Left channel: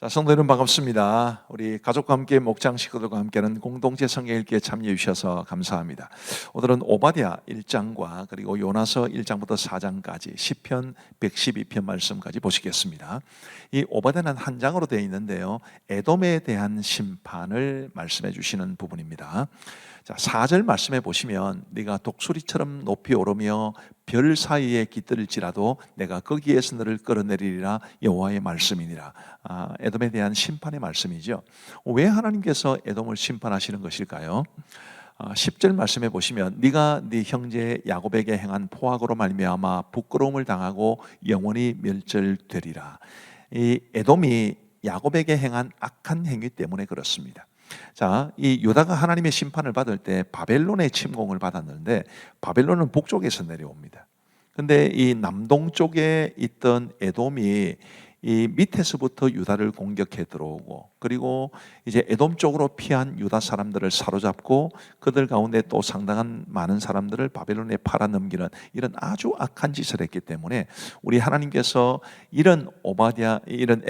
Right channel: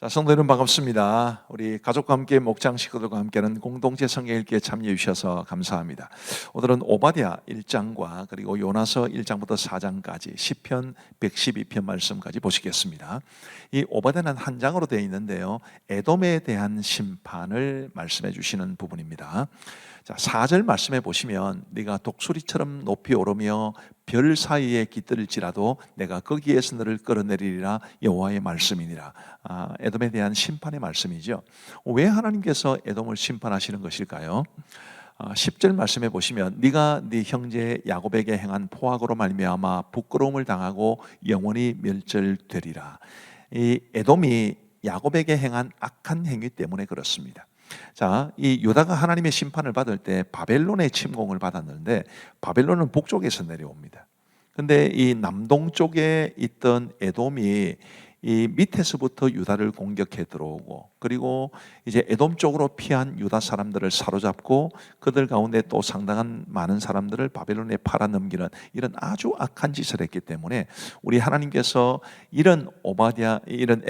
자, 성도 여러분 반갑습니다. 우리 가족과 함께 목장 식구들과 함께하는 공동체 성경 읽기에 참여해 주셔서 감사합니다. 오늘은 오바댜 1장과 그리고 요나서 1장부터 4장까지 시편 112편 말씀까지 보시겠습니다. 이 오바댜는 한 장으로 되어 있는데요, 에돔에 대한 심판을 말씀해 주시는 부분입니다. 자, 4절 말씀해 보시면 네가 독수리처럼 높이 오르며 별 사이에 깃들일지라도 내가 거기에서 너를 끌어내리리라 여호와의 말씀이니라. 에돔에 대한 심판의 말씀이죠. 왜 하나님께서 에돔을 심판하시는 것일까요? 10절 말씀해 보시면 네가 네 형제 야곱에게 행한 포악으로 말미암아 부끄러움을 당하고 영원히 멸절되리라. 이 에돔이 야곱에게 행한 악한 행위 때문에 그렇습니다. 자, 이 유다가 하나님의 심판을 받을 때 바벨론의 침공을 받았는데 바벨론은 북쪽에서 내려옵니다. 근데 이 남동쪽에 있던 에돔이 이 밑에서부터 유다를 공격해 들어오고, 그리고 이제 에돔 쪽으로 피한 유다 사람들을 사로잡고 그들 가운데 또 상당한 많은 사람들을 바벨론에 팔아넘기는 이런 아주 악한 짓을 했기 때문에 우리 하나님께서 이런 이런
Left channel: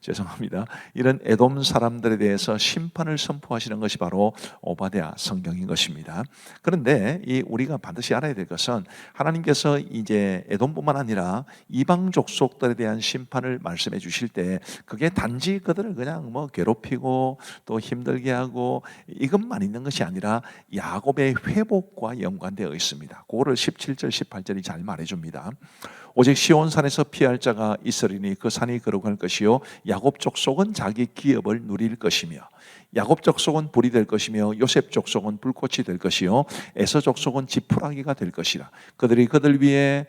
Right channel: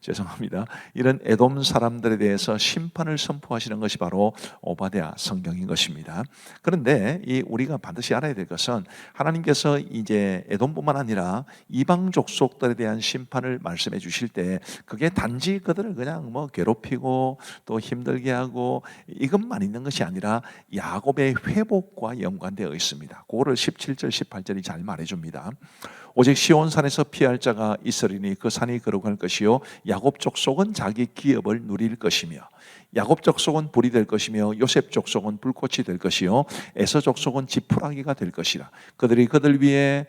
죄송합니다. 이런 에돔 사람들에 대해서 심판을 선포하시는 것이 바로 오바댜 성경인 것입니다. 그런데 이 우리가 반드시 알아야 될 것은 하나님께서 이제 에돔뿐만 아니라 이방 족속들에 대한 심판을 말씀해 주실 때 그게 단지 그들을 그냥 괴롭히고 또 힘들게 하고 이것만 있는 것이 아니라 야곱의 회복과 연관되어 있습니다. 그거를 17절 18절이 잘 말해줍니다. 오직 시온산에서 피할 자가 있으리니 그 산이 거룩할 것이요 야곱 족속은 자기 기업을 누릴 것이며, 야곱 족속은 불이 될 것이며 요셉 족속은 불꽃이 될 것이요 에서 족속은 지푸라기가 될 것이라. 그들이 그들 위에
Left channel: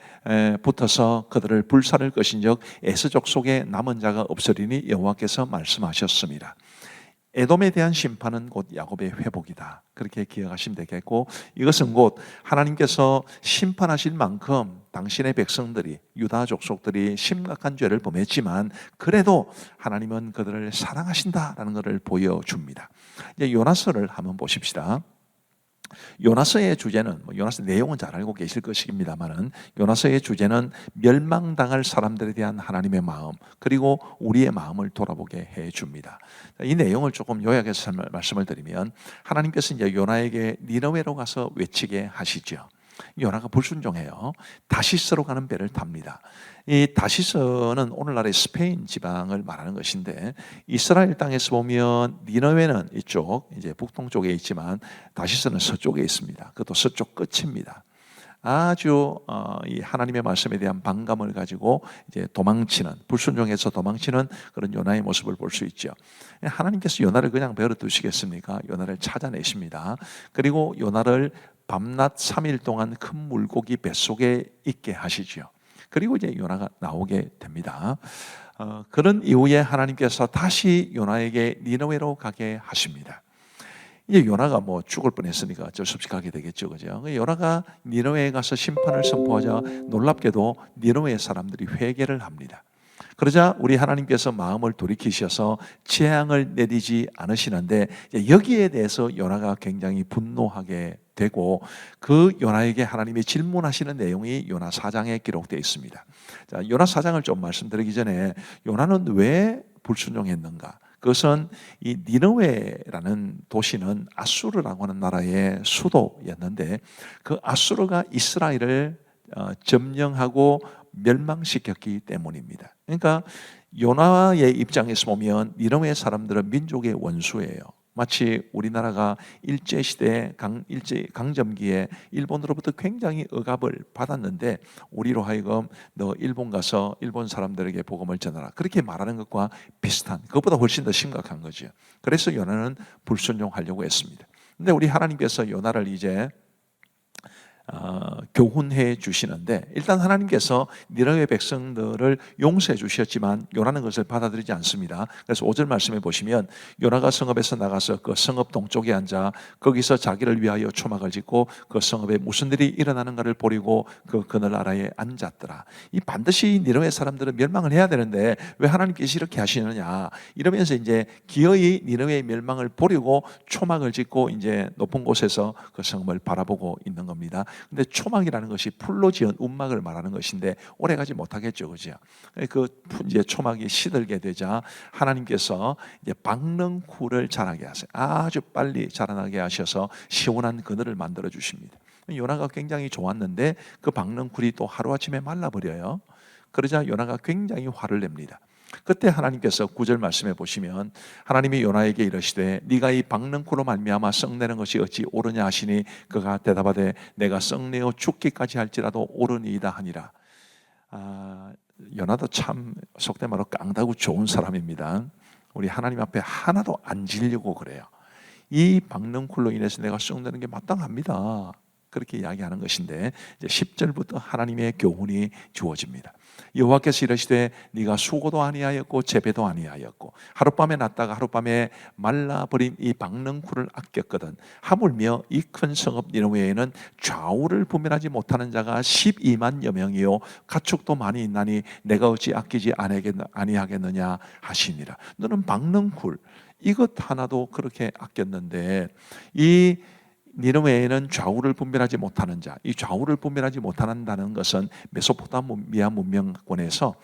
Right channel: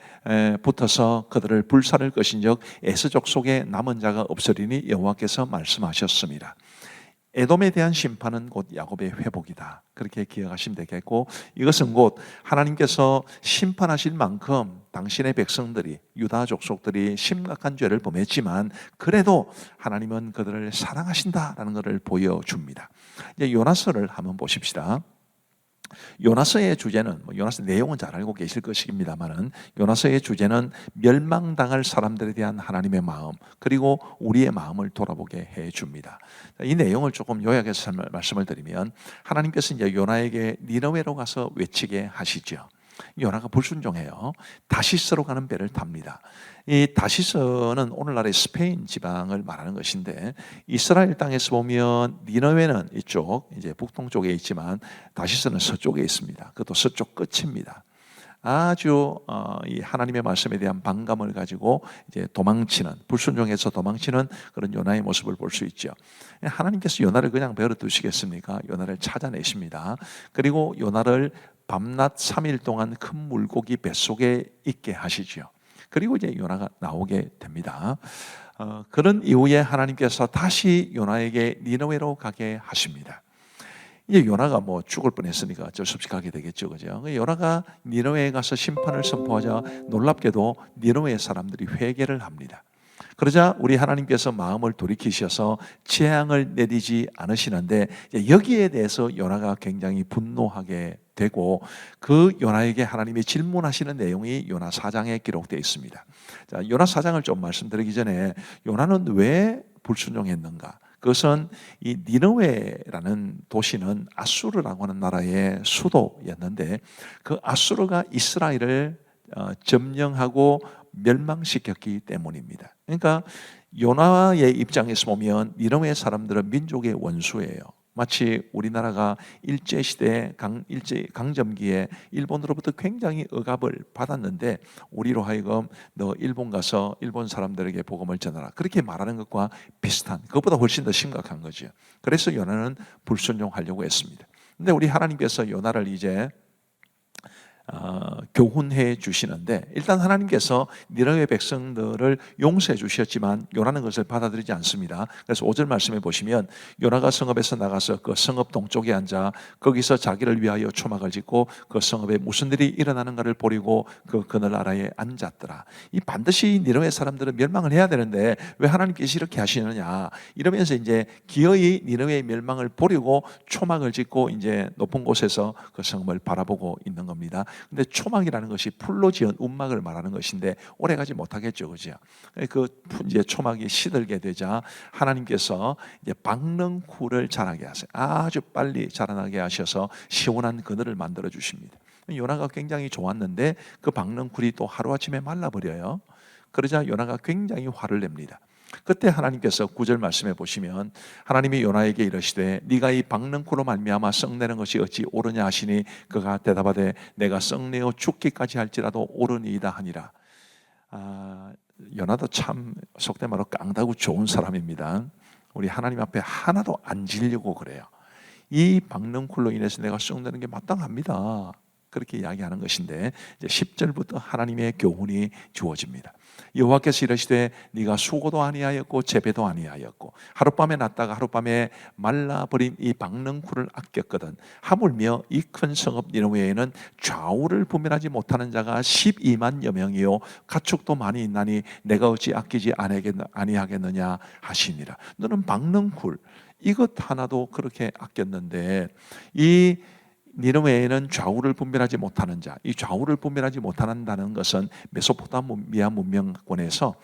붙어서 그들을 불살을 것인즉 에서 족속에 남은 자가 없으리니 여호와께서 말씀하셨습니다. 에돔에 대한 심판은 곧 야곱의 회복이다, 그렇게 기억하시면 되겠고, 이것은 곧 하나님께서 심판하실 만큼 당신의 백성들이, 유다 족속들이 심각한 죄를 범했지만 그래도 하나님은 그들을 사랑하신다라는 것을 보여줍니다. 이제 요나서를 한번 보십시다. 요나서의 주제는 요나서 내용은 잘 알고 계실 것입니다만은 요나서의 주제는 멸망당할 사람들에 대한 하나님의 마음, 그리고 우리의 마음을 돌아보게 해줍니다. 이 내용을 조금 요약해서 말씀을 드리면, 하나님께서 이제 요나에게 니느웨로 가서 외치게 하시죠. 요나가 불순종해요. 다시스로 가는 배를 탑니다. 이 다시스는 오늘날의 스페인 지방을 말하는 것인데, 이스라엘 땅에서 보면 니느웨는 이쪽 이제 북동쪽에 있지만 다시스는 서쪽에 있습니다. 그것도 서쪽 끝입니다. 아주 이 하나님의 말씀에 대한 반감을 가지고 이제 도망치는, 불순종해서 도망치는 그런 요나의 모습을 볼 수 있죠. 하나님께서 요나를 그냥 베어 두시겠습니까? 요나를 찾아내십니다. 그리고 요나를 밤낮 3일 동안 큰 물고기 뱃속에 있게 하시죠. 그리고 이제 요나가 나오게 됩니다. 그런 이후에 하나님께서 다시 요나에게 니느웨로 가게 하십니다. 이제 요나가 죽을 뻔했으니까 어쩔 수 없이 가게 되겠죠, 그죠? 요나가 니느웨에 가서 심판을 선포하자 놀랍게도 니느웨 사람들이 회개를 합니다. 그러자 우리 하나님께서 마음을 돌이키셔서 재앙을 내리지 않으시는데, 여기에 대해서 요나가 굉장히 분노하게 되고 그 요나에게 하나님이 질문하시는 내용이 요나 4장에 기록되어 있습니다. 자, 요나 4장을 좀 말씀드리기 전에 요나는 왜 불순종했는가? 그것은 이 니느웨라는 도시는 아수르라고 하는 나라의 수도였는데 그 아수르가 이스라엘을 점령하고 멸망시켰기 때문입니다. 그러니까 요나의 입장에서 보면 니느웨 사람들은 민족의 원수예요. 마치 우리나라가 일제시대 강점기에 일본으로부터 굉장히 억압을 받았는데 우리로 하여금 너 일본 가서 일본 사람들에게 복음을 전하라, 그렇게 말하는 것과 비슷한, 그것보다 훨씬 더 심각한 거죠. 그래서 요나는 불순종하려고 했습니다. 근데 우리 하나님께서 요나를 이제 교훈해 주시는데, 일단 하나님께서 니느웨 백성들을 용서해 주셨지만 요나는 그것을 받아들이지 않습니다. 그래서 5절 말씀해 보시면 요나가 성읍에서 나가서 그 성읍 동쪽에 앉아 거기서 자기를 위하여 초막을 짓고 그 성읍에 무슨 일이 일어나는가를 보리고 그 그늘 아래에 앉았더라. 이 반드시 니느웨 사람들은 멸망을 해야 되는데 왜 하나님께서 이렇게 하시느냐, 이러면서 이제 기어이 니느웨의 멸망을 보려고 초막을 짓고 이제 높은 곳에서 그 성읍을 바라보고 있는 겁니다. 근데 초막이라는 것이 풀로 지은 움막을 말하는 것인데 오래가지 못하겠죠, 그죠? 그 이제 초막이 시들게 되자 하나님께서 이제 박능쿨을 자라게 하세요. 아주 빨리 자라나게 하셔서 시원한 그늘을 만들어 주십니다. 요나가 굉장히 좋았는데 그 박능쿨이 또 하루아침에 말라버려요. 그러자 요나가 굉장히 화를 냅니다. 그때 하나님께서 9절 말씀해 보시면 하나님이 요나에게 이르시되 네가 이 박능쿨로 말미암아 썩내는 것이 어찌 옳으냐 하시니 그가 대답하되 내가 썩내어 죽기까지 할지라도 옳으니이다 하니라. 요나도 참 속된 말로 깡다구 좋은 사람입니다. 우리 하나님 앞에 하나도 안 지려고 그래요. 이 박능쿨로 인해서 내가 썩내는 게 마땅합니다. 그렇게 이야기하는 것인데 이제 10절부터 하나님의 교훈이 주어집니다. 여호와께서 이르시되 네가 수고도 아니하였고 재배도 아니하였고 하룻밤에 났다가 하룻밤에 말라버린 이 박능쿨을 아꼈거든. 하물며 이 큰 성읍 니느웨에는 좌우를 분별하지 못하는 자가 12만여 명이요 가축도 많이 있나니 내가 어찌 아끼지 아니하겠느냐 하시니라. 너는 박능쿨 이것 하나도 그렇게 아꼈는데 이 니느웨에는 좌우를 분별하지 못하는 자, 이 좌우를 분별하지 못한다는 것은 메소포타미아 문명권에서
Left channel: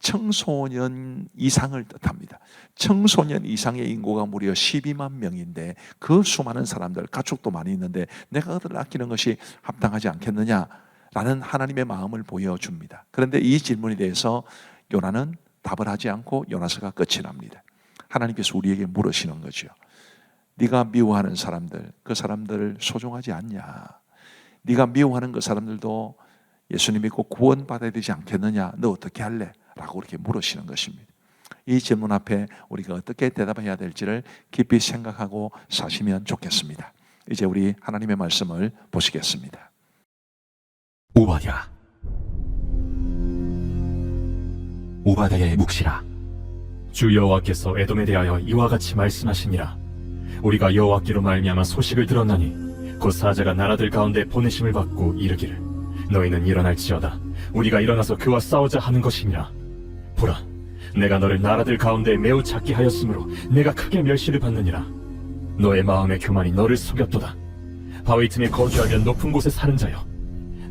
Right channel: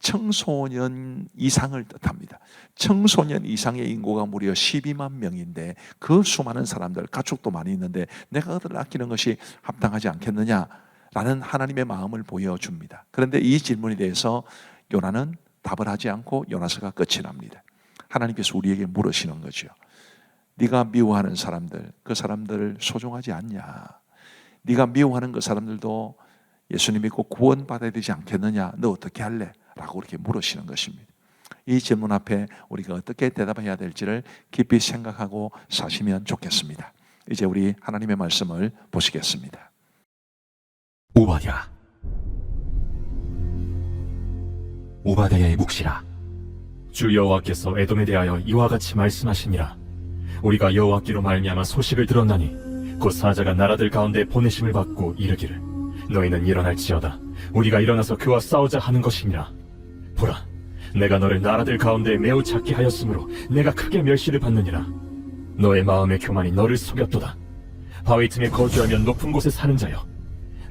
청소년 이상을 뜻합니다. 청소년 이상의 인구가 무려 12만 명인데 그 수많은 사람들, 가축도 많이 있는데 내가 그들을 아끼는 것이 합당하지 않겠느냐라는 하나님의 마음을 보여줍니다. 그런데 이 질문에 대해서 요나는 답을 하지 않고 요나서가 끝이 납니다. 하나님께서 우리에게 물으시는 거죠. 네가 미워하는 사람들, 그 사람들을 소중하지 않냐? 네가 미워하는 그 사람들도 예수님 믿고 구원받아야 되지 않겠느냐? 너 어떻게 할래? 라고 이렇게 물으시는 것입니다. 이 질문 앞에 우리가 어떻게 대답해야 될지를 깊이 생각하고 사시면 좋겠습니다. 이제 우리 하나님의 말씀을 보시겠습니다. 오바댜의 묵시라. 주 여호와께서 에돔에 대하여 이와 같이 말씀하시니라. 우리가 여호와께로 말미암아 소식을 들었나니 곧 사자가 나라들 가운데 보내심을 받고 이르기를 너희는 일어날지어다 우리가 일어나서 그와 싸우자 하는 것이니라. 보라, 내가 너를 나라들 가운데 매우 작게 하였으므로 내가 크게 멸시를 받느니라. 너의 마음의 교만이 너를 속였도다. 바위 틈에 거주하면 높은 곳에 사는 자여,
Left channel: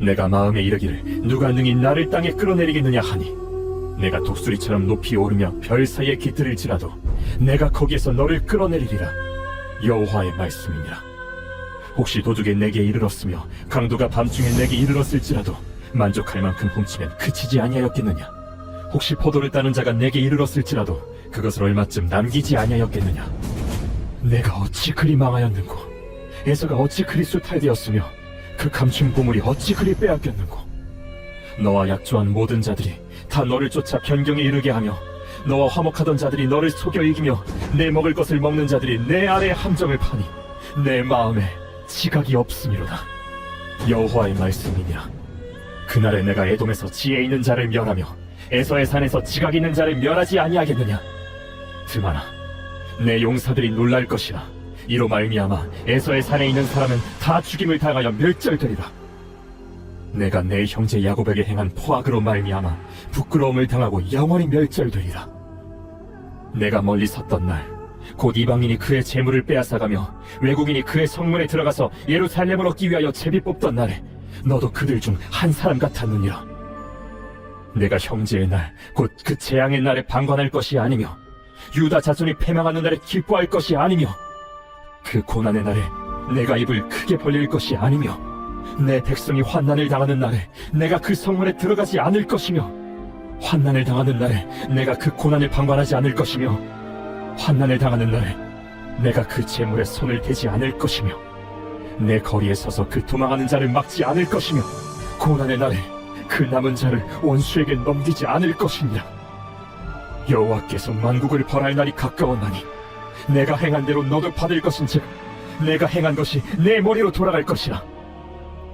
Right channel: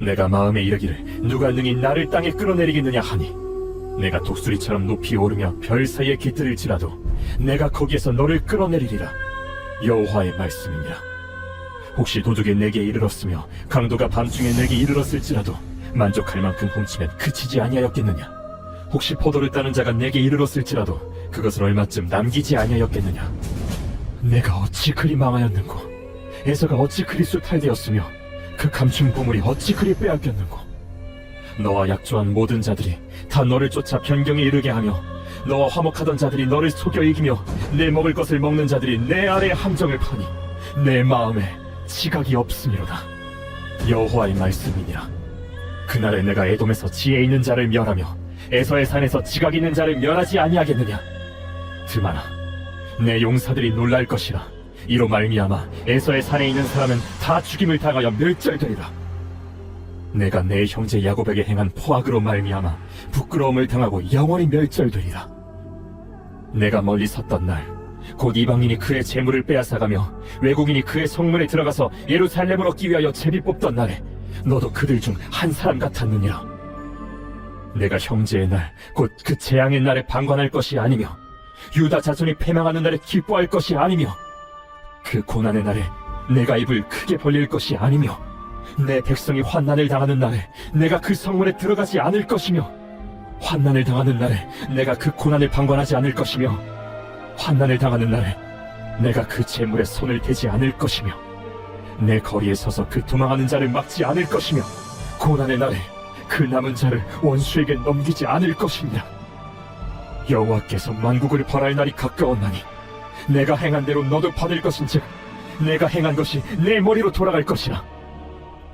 내가 마음에 이르기를 누가 능히 나를 땅에 끌어내리겠느냐 하니 내가 독수리처럼 높이 오르며 별 사이에 깃들일지라도 내가 거기에서 너를 끌어내리리라. 여호와의 말씀이니라. 혹시 도둑이 내게 이르렀으며 강도가 밤중에 내게 이르렀을지라도 만족할 만큼 훔치면 그치지 아니하였겠느냐? 혹시 포도를 따는 자가 내게 이르렀을지라도 그것을 얼마쯤 남기지 아니하였겠느냐? 내가 어찌 그리 망하였는고, 에서가 어찌 그리 수탈되었으며 그 감춘 보물이 어찌 그리 빼앗겼는고. 너와 약조한 모든 자들이 다 너를 쫓아 변경에 이르게 하며 너와 화목하던 자들이 너를 속여 이기며 내 먹을 것을 먹는 자들이 내 아래 함정을 파니 내 마음에 지각이 없음이로다. 여호와의 말씀이니라. 그날에 내가 에돔에서 지혜 있는 자를 멸하며 에서의 산에서 지각 있는 자를 멸하지 아니하겠느냐. 드마나, 내 용사들이 놀랄 것이라. 이로 말미암아 에서의 산에 있는 사람은 다 죽임을 당하여 멸절되리라. 내가 내 형제 야곱에게 행한 포악으로 말미암아 부끄러움을 당하고 영원히 멸절되리라. 내가 멀리 섰던 날, 곧 이방인이 그의 재물을 빼앗아가며 외국인이 그의 성문에 들어가서 예루살렘을 얻기 위하여 제비 뽑던 날에 너도 그들 중 한 사람 같았느니라. 내가 형제의 날, 곧 그 재앙의 날에 방관할 것이 아니며 유다 자손이 패망하는 날에 기뻐할 것이 아니며 그 고난의 날에 내가 입을 크게 벌릴 것이 아니며 내 백성이 환난을 당하는 날에 내가 그 성문에 들어가지 않을 것이며 환난을 당하는 날에 내가 그 고난을 방관하지 않을 것이며 환난을 당하는 날에 내가 그 재물에 손을 대지 않을 것이며 내 거리에 서서 그 도망하는 자를 막지 않을 것이며 고난의 날에 그 남은 자를 원수에게 넘기지 않을 것이니라. 여호와께서 만국을 벌할 날이 가까웠나니 내가 행한 대로 너도 받을 것인즉 내가 행한 것이 내 머리로 돌아갈 것이라.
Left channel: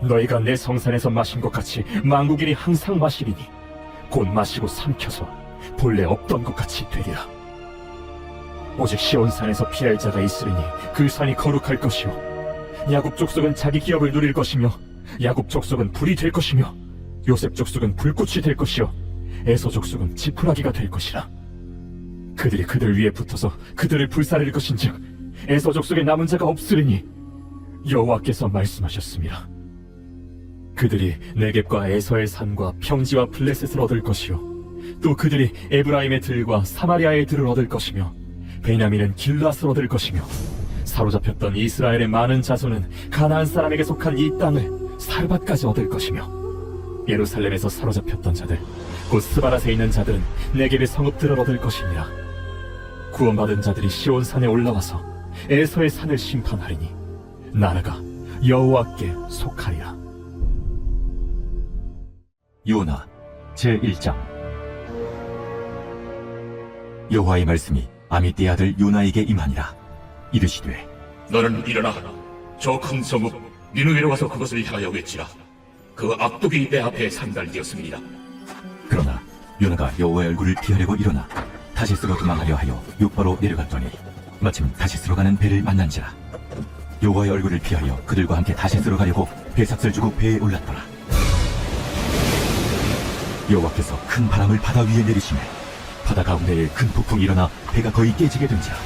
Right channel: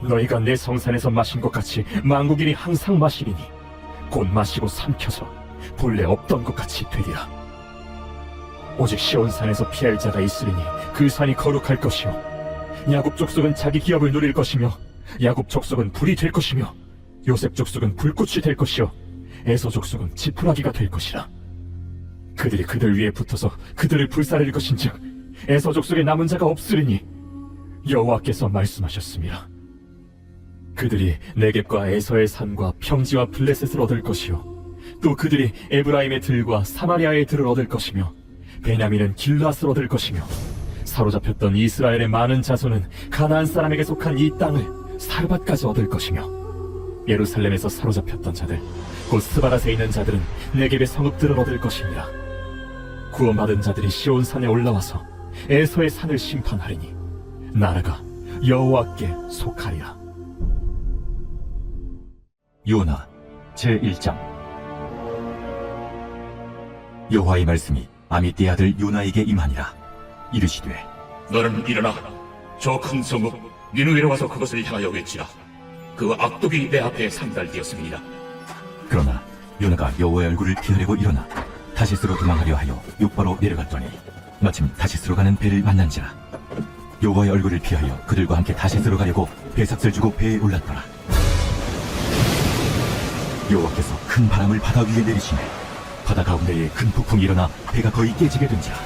너희가 내 성산에서 마신 것 같이 만국인이 항상 마시리니 곧 마시고 삼켜서 본래 없던 것 같이 되리라. 오직 시온산에서 피할 자가 있으리니 그 산이 거룩할 것이요 야곱 족속은 자기 기업을 누릴 것이며 야곱 족속은 불이 될 것이며 요셉 족속은 불꽃이 될 것이요 에서 족속은 지푸라기가 될 것이라. 그들이 그들 위에 붙어서 그들을 불사를 것인즉 에서 족속에 남은 자가 없으리니 여호와께서 말씀하셨습니다. 그들이 네겝과 에서의 산과 평지와 블레셋을 얻을 것이요 또 그들이 에브라임의 들과 사마리아의 들을 얻을 것이며 베냐민은 길앗을 얻을 것이며 사로잡혔던 이스라엘의 많은 자손은 가나안 사람에게 속한 이 땅을 살밭까지 얻을 것이며 예루살렘에서 사로잡혔던 자들 곧 스바랏에 있는 자들은 네겝의 성읍들을 얻을 것입니다. 구원받은 자들이 시온산에 올라와서 에서의 산을 심판하리니 나라가 여호와께 속하리라. 요나 제1장. 여호와의 말씀이 아미떼 아들 요나에게 임하니라. 이르시되 너는 일어나 저 큰 성읍 니느웨로 와서 그것을 향하여 외치라. 그 악독이 내 앞에 상달되었습니다. 그러나 요나가 여호와의 얼굴을 피하려고 일어나 다시스로 도망하려 하여 요바로 내려갔더니 마침 다시스로 가는 배를 만난지라. 여호와의 얼굴을 피하여 그들과 함께 다시스로 가려고 배삭을 주고 배에 올랐더라. 여호와께서 큰 바람을 바다 위에 내리시매 바다 가운데에 큰 폭풍이 일어나 배가 거의 깨지게 된지라.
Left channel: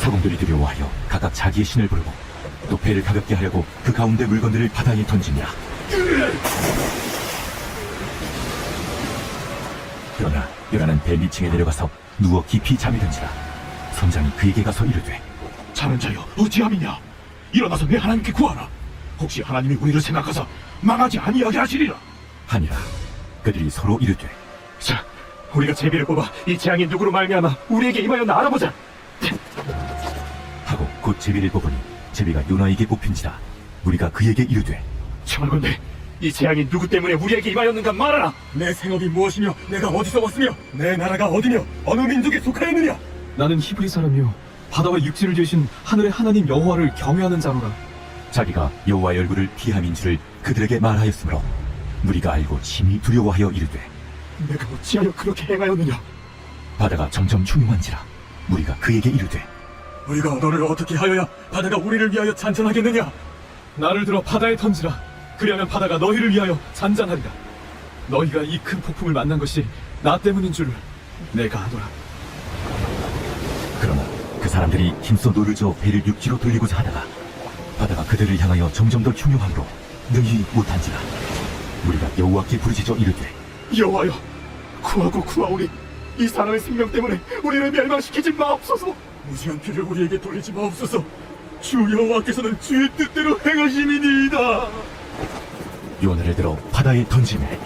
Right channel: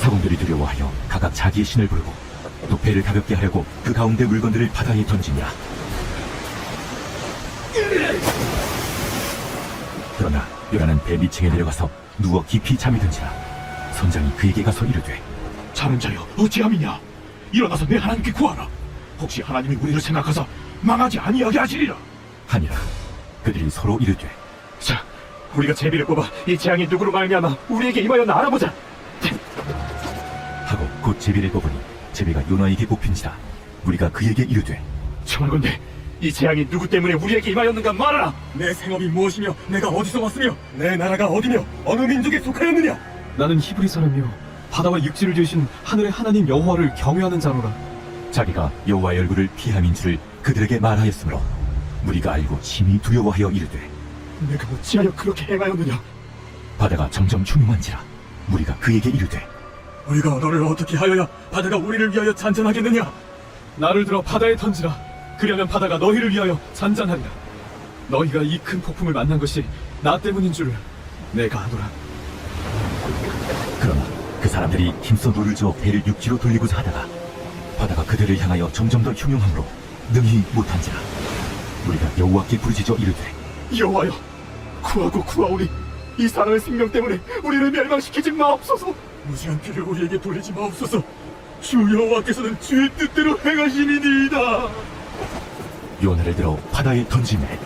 사공들이 두려워하여 각각 자기의 신을 부르고 또 배를 가볍게 하려고 그 가운데 물건들을 바다에 던지니라. 그러나 요나는 배 밑층에 내려가서 누워 깊이 잠이 든지라. 선장이 그에게 가서 이르되 자는 자여 어찌함이냐. 일어나서 내 하나님께 구하라. 혹시 하나님이 우리를 생각하사 망하지 아니하게 하시리라. 하니라. 그들이 서로 이르되 자, 우리가 제비를 뽑아 이 재앙이 누구로 말미암아 우리에게 임하였나 알아보자. 하고 곧 제비를 뽑으니 제비가 요나에게 뽑힌지라. 우리가 그에게 이르되 청하건대 이 재앙이 누구 때문에 우리에게 임하였는가 말하라. 내 생업이 무엇이며 내가 어디서 왔으며 내 나라가 어디며 어느 민족에 속하였느냐. 나는 히브리 사람이요 바다와 육지를 지으신 하늘의 하나님 여호와를 경외하는 자로라. 자기가 여호와의 얼굴을 피함인 줄을 그들에게 말하였으므로 무리가 알고 심히 두려워하여 이르되 내가 어찌하여 그렇게 행하였느냐. 바다가 점점 흉흉한지라. 무리가 그에게 이르되 우리가 너를 어떻게 하여야 바다가 우리를 위하여 잔잔하겠느냐. 나를 들어 바다에 던지라. 그리하면 바다가 너희를 위하여 잔잔하리라. 너희가 이 큰 폭풍을 만난 것이 나 때문인 줄 내가 아노라. 그러나 그 사람들이 힘써 노를 저어 배를 육지로 돌리고자 하다가 바다가 그들을 향하여 점점 더 흉흉함으로 능히 못한지라. 우리가 여호와께 부르짖어 이르되 여호와여, 구하고 구하오리. 이 사람의 생명 때문에 우리를 멸망시키지 마옵소서. 무시한 피를 우리에게 돌리지 마옵소서. 주 여호와께서는 주의 뜻대로 행하시니이다. 요나를 들어 바다에 던지매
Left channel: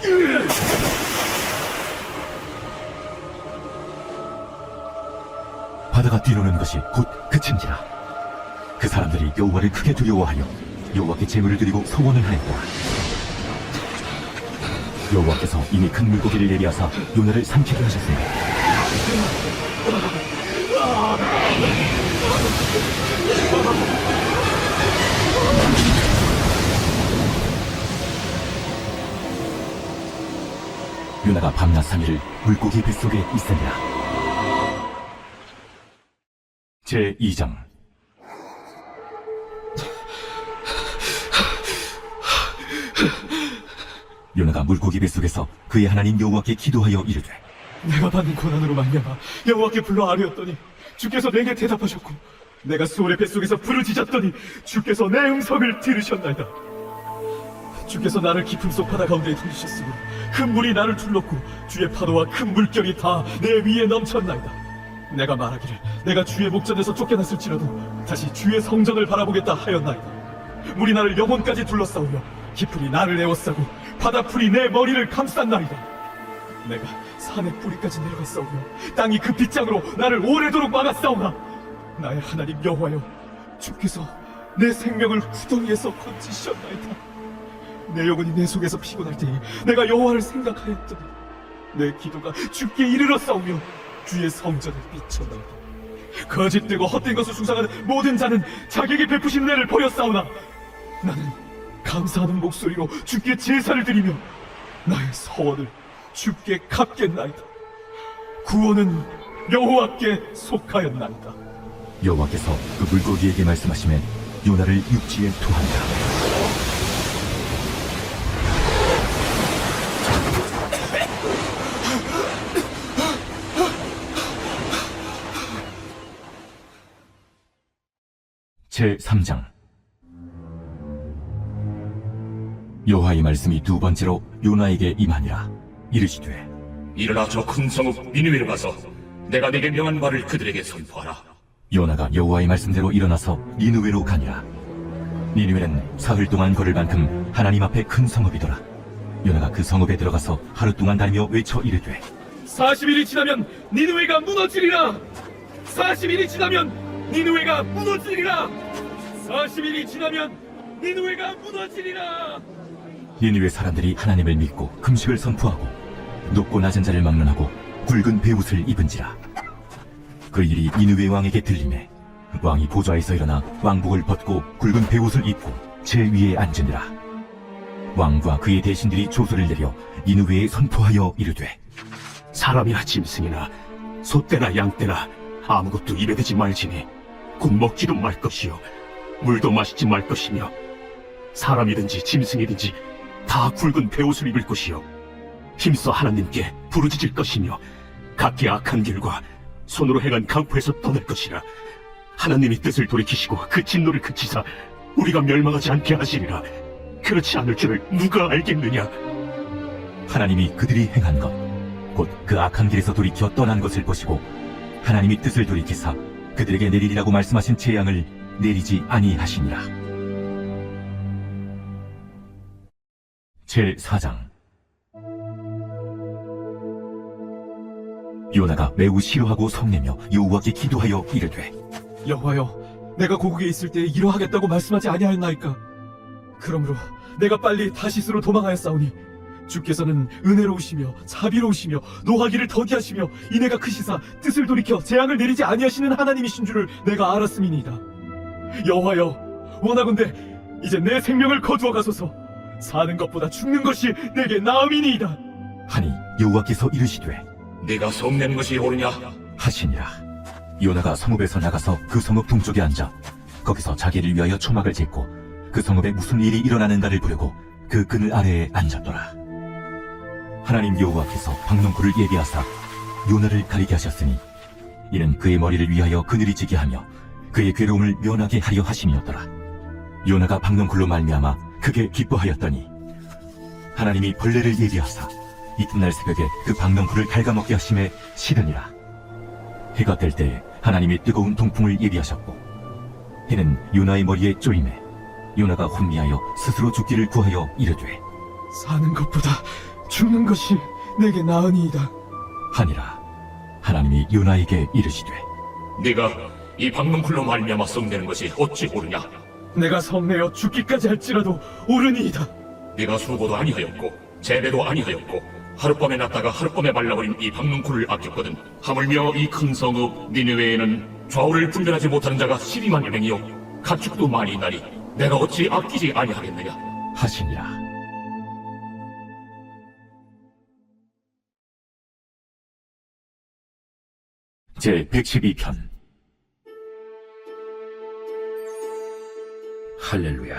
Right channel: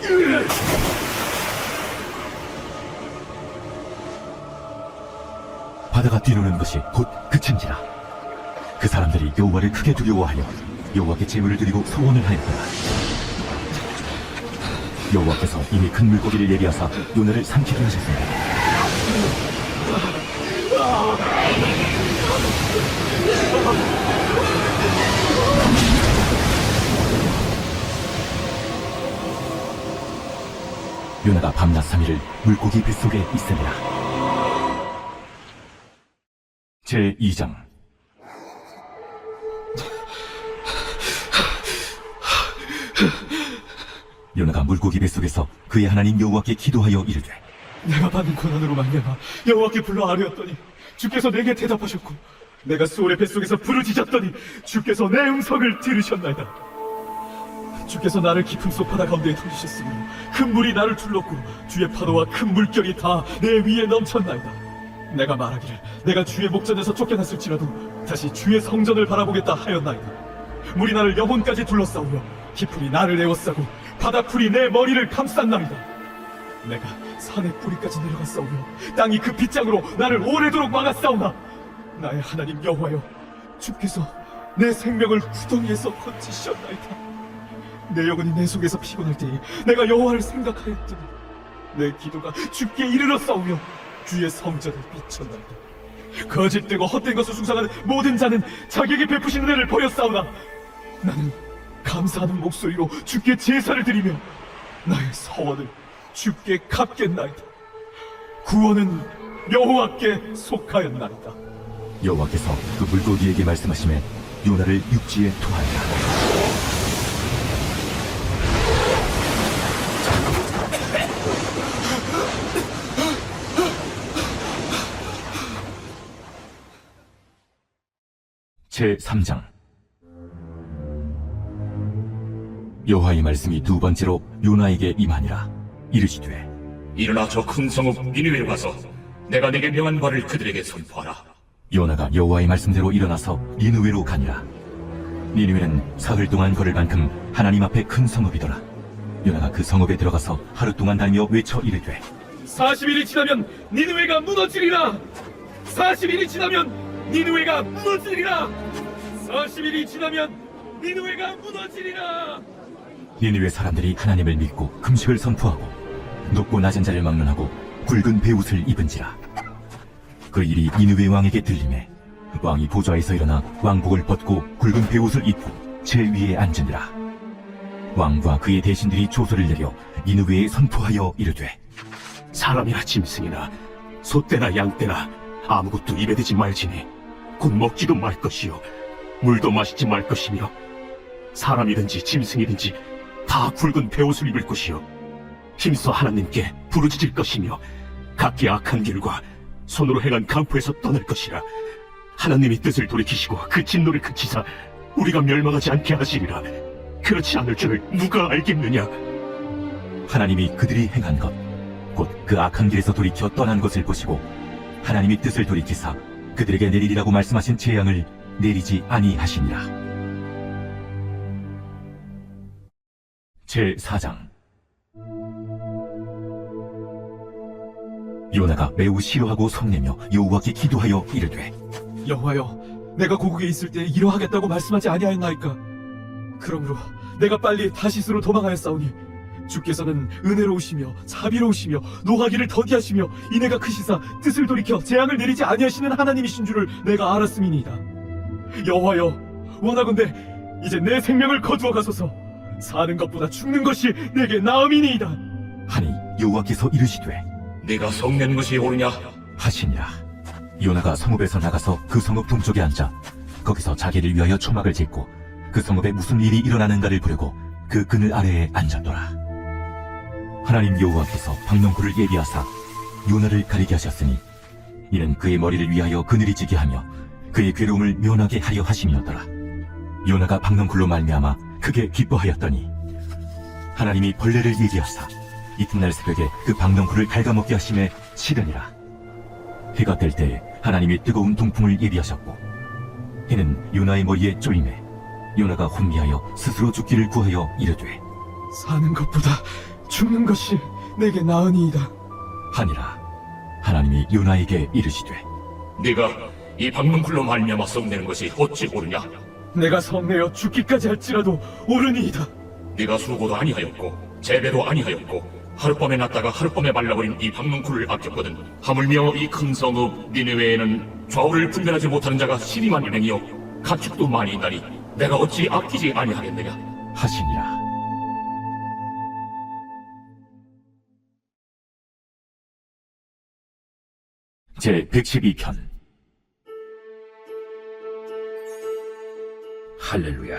바다가 뒤로는 것이 곧 그친지라. 그 사람들이 여호와를 크게 두려워하여 여호와께 제물을 드리고 소원을 하였더라. 여호와께서 이미 큰 물고기를 예비하사 요나를 삼키게 하셨으니 요나가 밤낮 3일을 물고기 뱃속에 있으니라. 제2장. 요나가 물고기 뱃속에서 그의 하나님 여호와께 기도하여 이르되 내가 받은 고난으로 말미암아 여호와께 불러 아뢰었더니 주께서 내게 대답하셨고 내가 수월의 뱃속에서 부르짖었더니 주께서 내 음성을 들으셨나이다. 주께서 나를 깊은 속 바다 가운데 던지셨으며 큰 물이 나를 둘렀고 주의 파도와 큰 물결이 다 내 위에 넘쳤나이다. 내가 말하기를 내가 주의 목전에서 쫓겨났을지라도 다시 주의 성전을 바라보겠다 하였나이다. 물이 나를 영혼까지 둘러싸우며 깊은이 나를 에워싸고 바다풀이 내 머리를 감쌌나이다. 내가 산의 뿌리까지 내려갔사오며 땅이 그 빗장으로 나를 오래도록 막았사오나 나의 하나님 여호와여, 주께서 내 생명을 구덩이에서 건지셨나이다. 내 영혼이 내 속에서 피곤할 때에 내가 여호와를 생각하였더니 내 기도가 주께 이르렀사오며 주의 성전을 비쳤나이다. 거짓되고 헛된 것을 숭상하는 모든 자는 자기에게 베푸시는 은혜를 버렸사오나 나는 감사하는 목소리로 주께 제사를 드리며 나의 서원을 주께 갚겠나이다. 구원은 여호와께 속하였나이다. 여호와께서 그 물고기에게 말씀하시매 요나를 육지에 토하니라. 제3장. 여호와의 말씀이 두 번째로 요나에게 임하니라. 이르시되 일어나 저 큰 성읍 니느웨로 가서 내가 내게 명한 말을 그들에게 선포하라. 요나가 여호와의 말씀대로 일어나서 니느웨로 가니라. 니느웨는 사흘 동안 걸을 만큼 하나님 앞에 큰 성읍이더라. 요나가 그 성읍에 들어가서 하루 동안 다니며 외쳐 이르되 40일이 지나면 니느웨가 무너지리라. 40일이 지나면 니느웨가 무너지리라. 40일이 지나면 니느웨가 무너지리라. 니느웨 사람들이 하나님을 믿고 금식을 선포하고 높고 낮은 자를 막론하고 굵은 베옷을 입은지라. 그 일이 니느웨 왕에게 들리매 왕이 보좌에서 일어나 왕복을 벗고 굵은 베옷을 입고 제 위에 앉으니라. 왕과 그의 대신들이 조서를 내려 니느웨에 선포하여 이르되 사람이나 짐승이나 소떼나 양떼나 아무것도 입에 대지 말지니 곧 먹지도 말 것이요 물도 마시지 말 것이며 사람이든지 짐승이든지 다 굵은 베옷을 입을 것이요 힘써 하나님께 부르짖을 것이며 각기 악한 길과 손으로 행한 강포에서 떠날 것이라. 하나님이 뜻을 돌이키시고 그 진노를 그치사 우리가 멸망하지 않게 하시리라. 그렇지 않을 줄을 누가 알겠느냐. 하나님이 그들이 행한 것 곧 그 악한 길에서 돌이켜 떠난 것을 보시고 하나님이 뜻을 돌이키사 그들에게 내리리라고 말씀하신 재앙을 내리지 아니하시니라. 제4장. 요나가 매우 싫어하고 성내며 여호와께 기도하여 이르되 여호와여, 내가 고국에 있을 때 이러하겠다고 말씀하지 아니하였나이까? 그러므로 내가 빨리 다시스로 도망하였사오니 주께서는 은혜로우시며 자비로우시며 노하기를 더디하시며 인애가 크시사 뜻을 돌이켜 재앙을 내리지 아니하시는 하나님이신 줄을 내가 알았음이니이다. 여호와여, 원하건대 이제 내 생명을 거두어 가소서. 사는 것보다 죽는 것이 내게 나음이니이다. 하니 여호와께서 이르시되 내가 성내는 것이 옳으냐? 하시니라. 요나가 성읍에서 나가서 그 성읍 동쪽에 앉아 거기서 자기를 위하여 초막을 짓고 그 성읍에 무슨 일이 일어나는가를 보려고 그 그늘 아래에 앉았더라. 하나님 여호와께서 박농쿨을 예비하사 요나를 가리게 하셨으니 이는 그의 머리를 위하여 그늘이 지게 하며 그의 괴로움을 면하게 하려 하심이었더라. 요나가 박농쿨로 말미암아 크게 기뻐하였더니 하나님이 벌레를 예비하사 이튿날 새벽에 그 박농쿨을 갉아먹게 하심에 싫으니라. 해가 뜰 때 하나님이 뜨거운 동풍을 예비하셨고 해는 요나의 머리에 쪼임에 요나가 혼미하여 스스로 죽기를 구하여 이르되 사는 것보다 죽는 것이 내게 나으니이다. 하니라. 하나님이 요나에게 이르시되 네가 이 박문쿨로 말미암아 성내는 것이 어찌 옳으냐? 내가 성내어 죽기까지 할지라도 옳으니이다. 네가 수고도 아니하였고 재배도 아니하였고 하룻밤에 났다가 하룻밤에 말라버린 이 박문쿨을 아꼈거든. 하물며 이 큰 성읍 니느웨에는 좌우를 분별하지 못하는 자가 12만 명이요 가축도 많이 있나니 내가 어찌 아끼지 아니하겠느냐? 하시니라. 제 112편. 할렐루야.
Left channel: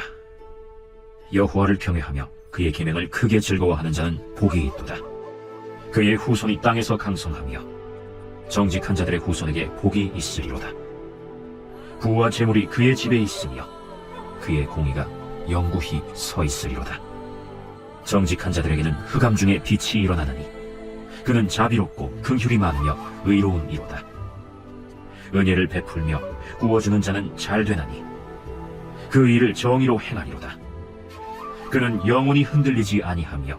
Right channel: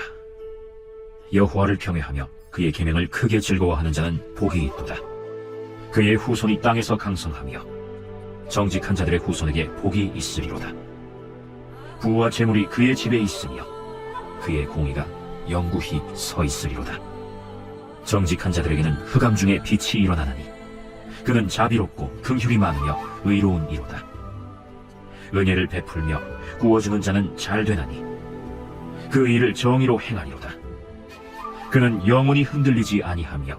여호와를 경외하며 그의 계명을 크게 즐거워하는 자는 복이 있도다. 그의 후손이 땅에서 강성하며 정직한 자들의 후손에게 복이 있으리로다. 부와 재물이 그의 집에 있으며 그의 공의가 영구히 서 있으리로다. 정직한 자들에게는 흑암 중에 빛이 일어나나니 그는 자비롭고 긍휼이 많으며 의로운 이로다. 은혜를 베풀며 구워주는 자는 잘 되나니 그 일을 정의로 행하리로다. 그는 영원히 흔들리지 아니하며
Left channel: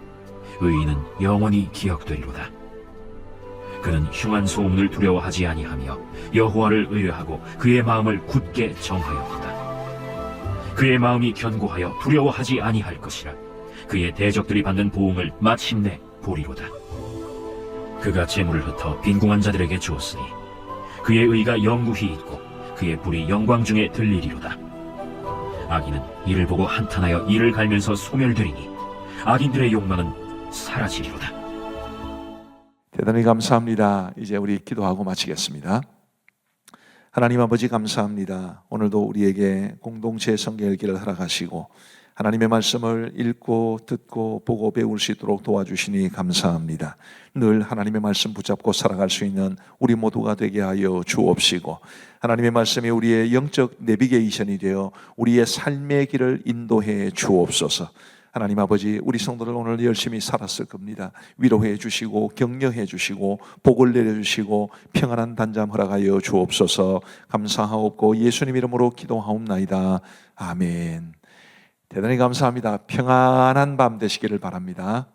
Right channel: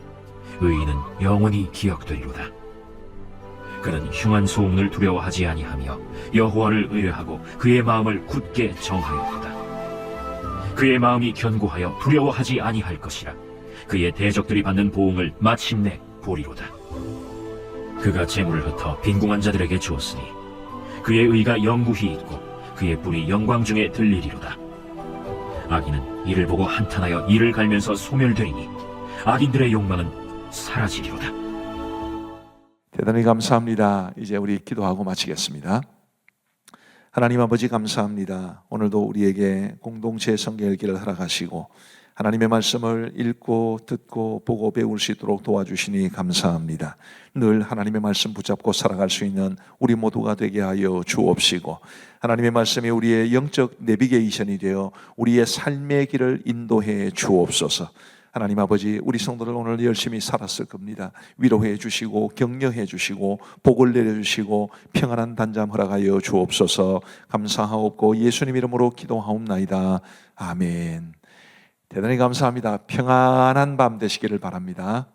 의인은 영원히 기억되리로다. 그는 흉한 소문을 두려워하지 아니하며 여호와를 의뢰하고 그의 마음을 굳게 정하였도다. 그의 마음이 견고하여 두려워하지 아니할 것이라. 그의 대적들이 받는 보응을 마침내 보리로다. 그가 재물을 흩어 빈궁한 자들에게 주었으니 그의 의가 영구히 있고 그의 뿔이 영광 중에 들리리로다. 악인은 이를 보고 한탄하여 이를 갈면서 소멸되리니 악인들의 욕망은 사라지리로다. 대단히 감사합니다. 이제 우리 기도하고 마치겠습니다. 하나님 아버지 감사합니다. 오늘도 우리에게 공동체 성경 읽기를 허락하시고 하나님의 말씀을 읽고 듣고 보고 배울 수 있도록 도와주시니 감사합니다. 늘 하나님의 말씀 붙잡고 살아갈 수 있는 우리 모두가 되게 하여 주옵시고 하나님의 말씀이 우리의 영적 내비게이션이 되어 우리의 삶의 길을 인도해 주옵소서. 하나님 아버지, 우리 성도들 오늘 열심히 살았을 겁니다. 위로해 주시고 격려해 주시고 복을 내려 주시고 평안한 단잠 허락하여 주옵소서. 감사하옵고 예수님 이름으로 기도하옵나이다. 아멘. 대단히 감사합니다. 평안한 밤 되시기를 바랍니다.